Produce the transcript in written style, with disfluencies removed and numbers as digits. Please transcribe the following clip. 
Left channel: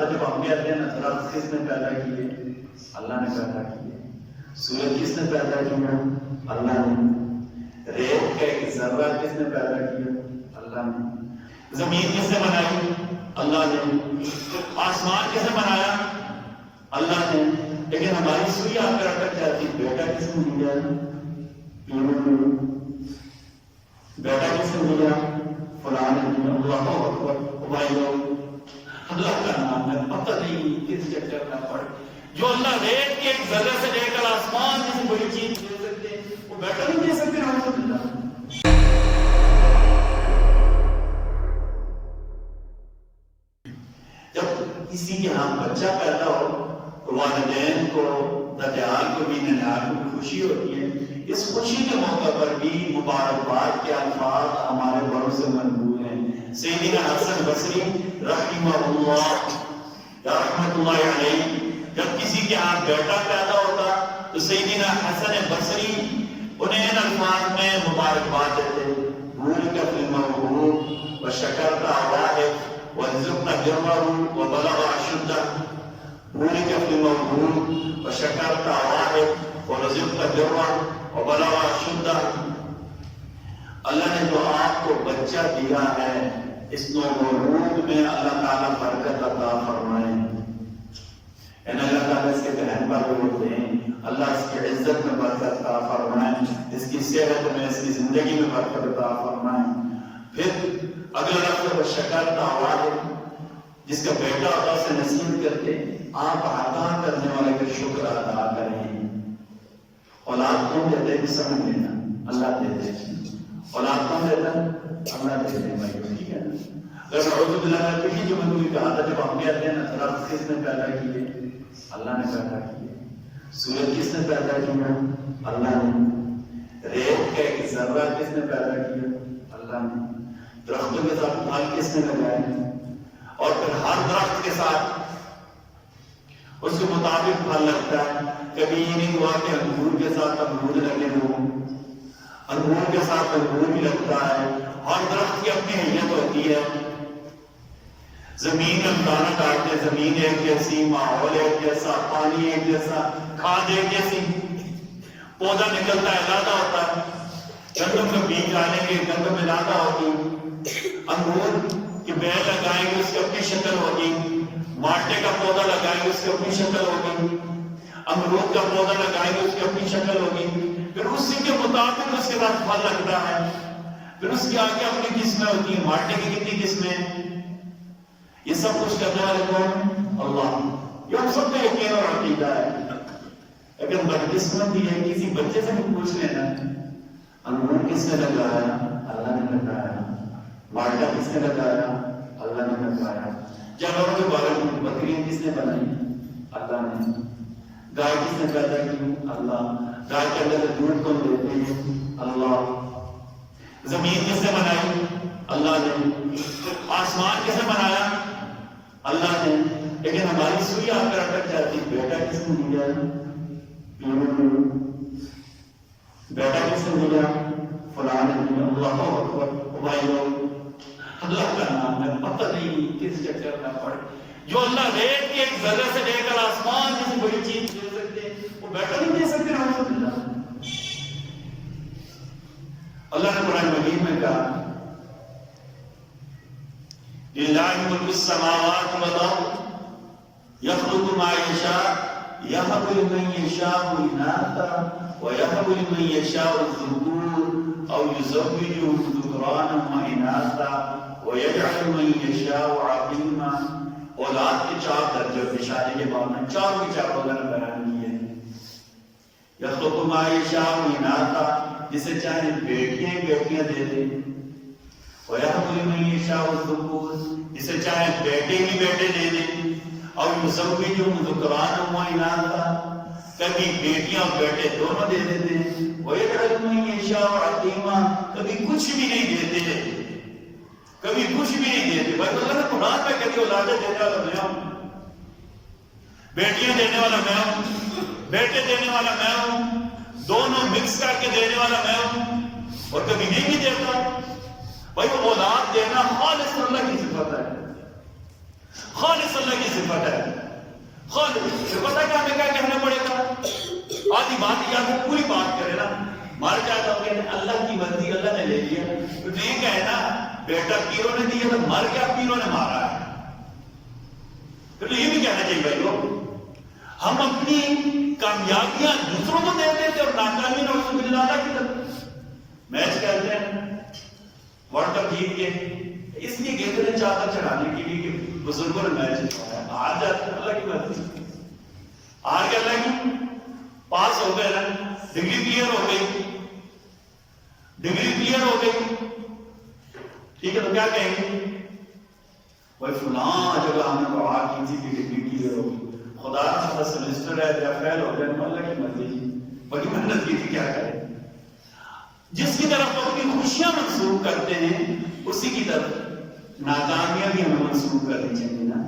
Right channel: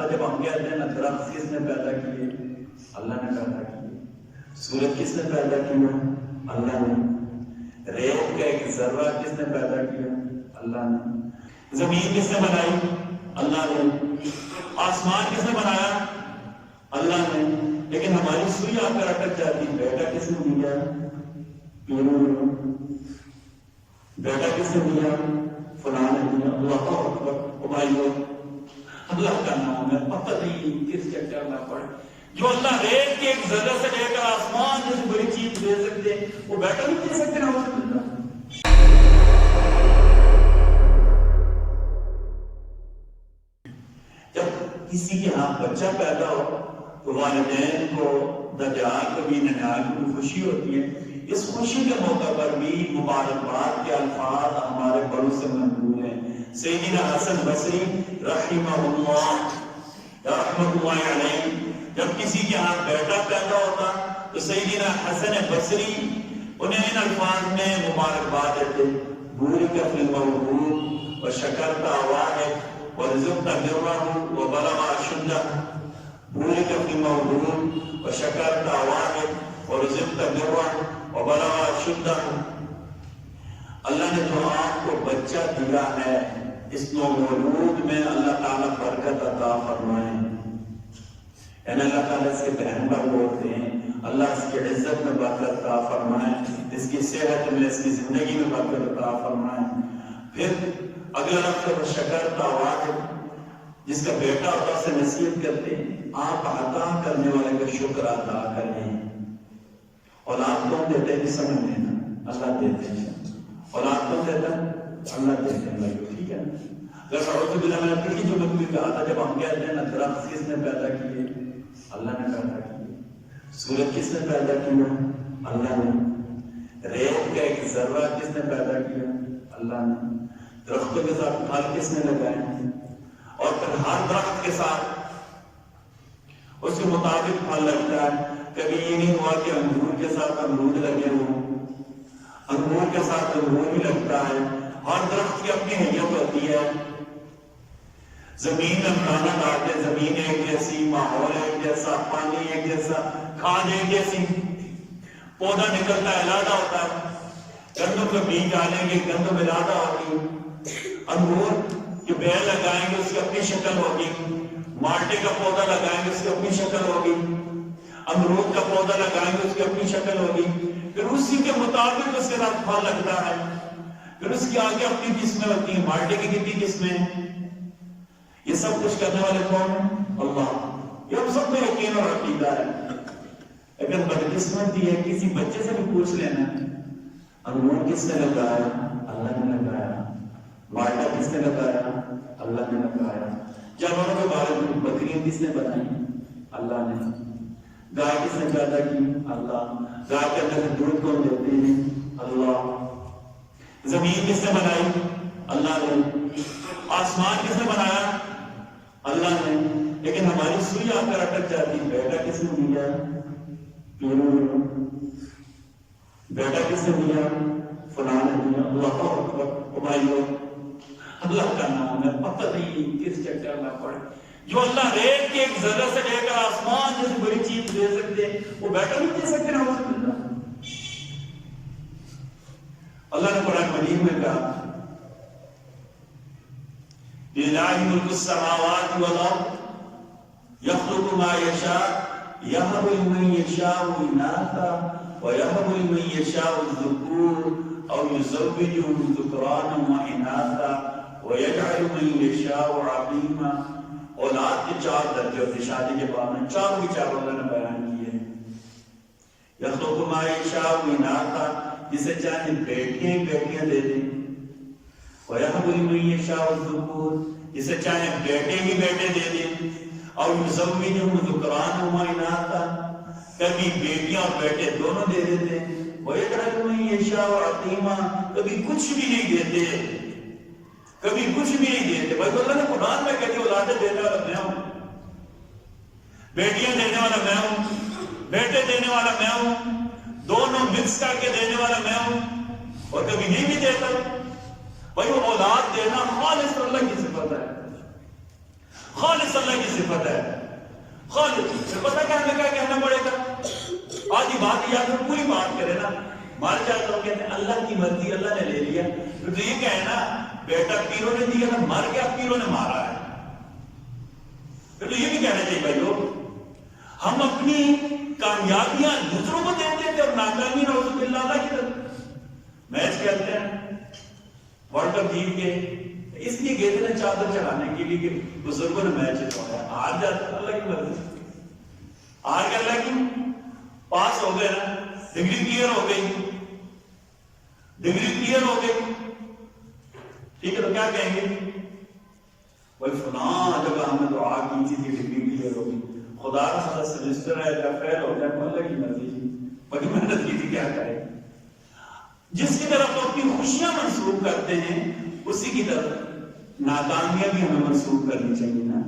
تھا جب ہم کہتے ہیں نا درخت کس نے پیدا کیے؟ اللہ نے پیدا کیے۔ سورج کس نے پیدا کیا؟ اللہ نے۔ ریت کا ایک ذرہ کس نے پیدا کیا؟ اللہ نے۔ زمین کس نے بنائی؟ اللہ نے۔ آسمان کس نے بنایا؟ اللہ نے۔ لیکن ہماری سوئی آ کر اٹک جاتی، بیٹا کس نے دیا؟ بیٹا کس نے دیا؟ فلاں نے دیا۔ اللہ اکبر۔ بھائیو اللہ کا نام ہے، پتہ نہیں کس چکر میں پڑ جو اللہ ریت کے ایک ذرے سے لے کر آسمان جیسی بڑی چیز دے سکتے وہ بیٹا نہیں دے سکتے نا۔ جب کسی کے ہاں بچہ پیدا ہو تو والدین کو دجال کو بھی ننال کو خوشی ہوتی ہے۔ اس خوشی کے موقع پر بھی مبارکباد کے الفاظ ہمارے بڑوں سے منظور ہیں۔ سیدنا حسن بصری رحمہ اللہ رحمت اللہ علیہ جب کسی کے ہاں بیٹا پیدا ہوتا تو سیدنا حسن بصری انہیں ان الفاظ میں مبارکباد دیتے، بورک فی الموعود وشکرت واحد ورزقت برہ وبلغ اشدہ۔ بورک فی الموعود وشکرت واحد ورزقت برہ وبلغ اشدہ۔ اللہ نے جو آپ کو بچہ دیا ہے اس نومولود میں اللہ تعالیٰ برکت عطا فرمائے، یعنی اللہ تعالیٰ اس کے بہن پر بولتے ہیں اللہ اس کی عزت میں برکت عطا فرمائے، اس کی صحت میں، اس کی زندگی میں برکت عطا فرمائے۔ پھر اگلا لفظ شکر واحد، جس کا بیٹا ہوتا اسے نصیحت کرتے آپ عطا کرنے والے کا شکر ادا کریں۔ اولاد کون دیتے ہیں سمجھ لینا، اللہ دیتے ہیں۔ اولاد کون دیتا ہے؟ اللہ دیتے ہیں بھائی، ٹھیک ہے نا۔ اگر نعوذ باللہ میں پچھلی جو میں کوئی کہا تھا جب ہم کہتے ہیں نا درخت کس نے پیدا کیے؟ اللہ نے پیدا کیے۔ سورج کس نے پیدا کیا؟ اللہ نے۔ ریت کا ایک ذرہ کس نے پیدا کیا؟ اللہ نے۔ درختوں کے ساتھ پھل کس نے لگائے؟ اور پھر ہر درخت کے ساتھ اس کے مطابق پھل لگتا ہے۔ کبھی یہ نہیں ہوا کہ انگور کے ساتھ انگور لگے ہوں، انگور کے ساتھ انگور بھی لگتا ہے۔ ہر درخت کی اپنی حیت ہوتی ہے۔ زمین میں دانا ڈالتے، زمین ایک جیسی، ماحول ایک جیسا، پانی ایک جیسا، کھاد ایک جیسی، پودا نکلتا ہے علیحدہ ہوتا ہے۔ گندم کا بیج ڈالیں گے گندم علیحدہ ہوگی، انگور کی بیل لگائیں گے اس کی اپنی شکل ہوگی، مالٹے کا پودا لگائیں گے اس کی اپنی شکل ہوگی، امرود کا پودا لگائیں گے اس کی اپنی شکل ہوگی، پھر اسی کے مطابق اس کے ساتھ پھل لگتا ہے۔ پھر اس کی آگے اپنی قسمیں ہوتی ہیں، مالٹے کی کتنی قسمیں ہیں، یہ سب کچھ کرنے والے کون ہیں؟ اللہ۔ یہ ہم سب کو یقین اور عقیدہ ہے۔ اگر بدقسمتی ہے کسی بچے سے بھی پوچھ لینا انگور کس نے لگایا؟ اللہ نے لگایا۔ مالٹا کس نے لگایا؟ اللہ نے لگایا۔ جانوروں کے بارے میں بکریاں کس نے بنائی؟ اللہ نے۔ گائے کس نے پیدا کی؟ اللہ۔ گائے کے اندر سے دودھ کون دیتے ہیں؟ اللہ۔ زمین کس نے بنائی؟ اللہ نے۔ آسمان کس نے بنایا؟ اللہ نے۔ لیکن ہماری سوئی آ کر اٹک جاتی، بیٹا کس نے دیا؟ بیٹا کس نے دیا؟ فلاں نے دیا۔ اللہ اکبر۔ بھائیو اللہ کا نام ہے، پتہ نہیں کس چکر میں پڑ جو اللہ ریت کے ایک ذرے سے لے کر آسمان جیسی بڑی چیز دے سکتے وہ بیٹا نہیں دے سکتے نا۔ اللہ نے قرآن مجید میں کہا لِلَّهِ مُلْكُ السَّمَاوَاتِ وَالْأَرْضِ يَخْلُقُ مَا يَشَاءُ يَهَبُ لِمَن يَشَاءُ إِنَاثًا وَيَهَبُ لِمَن يَشَاءُ الذُّكُورَ أَوْ يُزَوِّجُهُمْ ذُكْرَانًا وَإِنَاثًا وَيَجْعَلُ مَن يَشَاءُ عَقِيمًا۔ اولاد کے چار درجے ہوتے شادی کے بعد میں چاروں کے چار اللہ نے بیان کیے۔ یخلق ما یشاء اناثا، جسے چاہے بیٹیاں ہی بیٹیاں دے دیں، ویہب لمن یشاء الذکور، جسے چاہے بیٹے ہی بیٹے دے دیں، او یزوجہم ذکرانا و اناثا، کبھی بیٹیاں اور بیٹے دونوں دے دیتے، ویجعل من یشاء عقیما، کبھی کچھ بھی نہیں دیتے، کبھی کچھ بھی نہیں دیتے۔ بھائی اللہ نے قرآن میں کہتی اولادیں دینے والا میں ہوں، بیٹیاں دینے والا میں ہوں، بیٹے دینے والا میں ہوں، دونوں مکس کر کے دینے والا میں ہوں، اور کبھی نہیں بھی دیتا۔ بھائی وہ اولاد دینا خالص اللہ کی صفت ہے، خالص خالص اللہ کی صفت ہے، خالص. پھر پتہ کیا ہمیں کیا کہنا پڑے گا؟ آدھی بات یا پھر پوری بات کرے نا. مر جاتا ہوں کہتے ہیں اللہ کی مرضی، اللہ نے لے لیا. تو یہ کہنا بیٹا پیروں نے دیا تھا، مر گیا پیروں نے مارا ہے. پھر یہ بھی کہنا چاہیے بھائیو، ہم اپنی کامیابیاں دوسروں کو دیتے تھے اور ناکامی نعوذ باللہ اللہ کی طرف. میچ کہتے ہیں ورلڈ کپ جیت کے اس لیے گئے تھے چادر چڑھانے کے لیے کہ بزرگوں نے میچ جتوایا ہے. ہار جاتے ہیں اللہ کی مرضی، ہار کے اللہ کی پاس ہو گئے نا، ڈگری کلیئر ہو گئی، ڈگری کلیئر ہو گئی. ٹھیک ہے تو کیا کہیں گے؟ بھائی فلاں جگہ ہم نے دعا کی تھی کہ ڈگری کلیئر ہو گئی، خدا رہا سمسٹر ہے یا فیل ہو گیا اللہ کی مرضی جی، بڑی محنت کی تھی کیا کرے. جس کی طرف اپنی خوشیاں منسوخ کرتے ہیں اسی کی طرف ناکامیاں بھی ہمیں منسوخ کرنی چاہیے نا.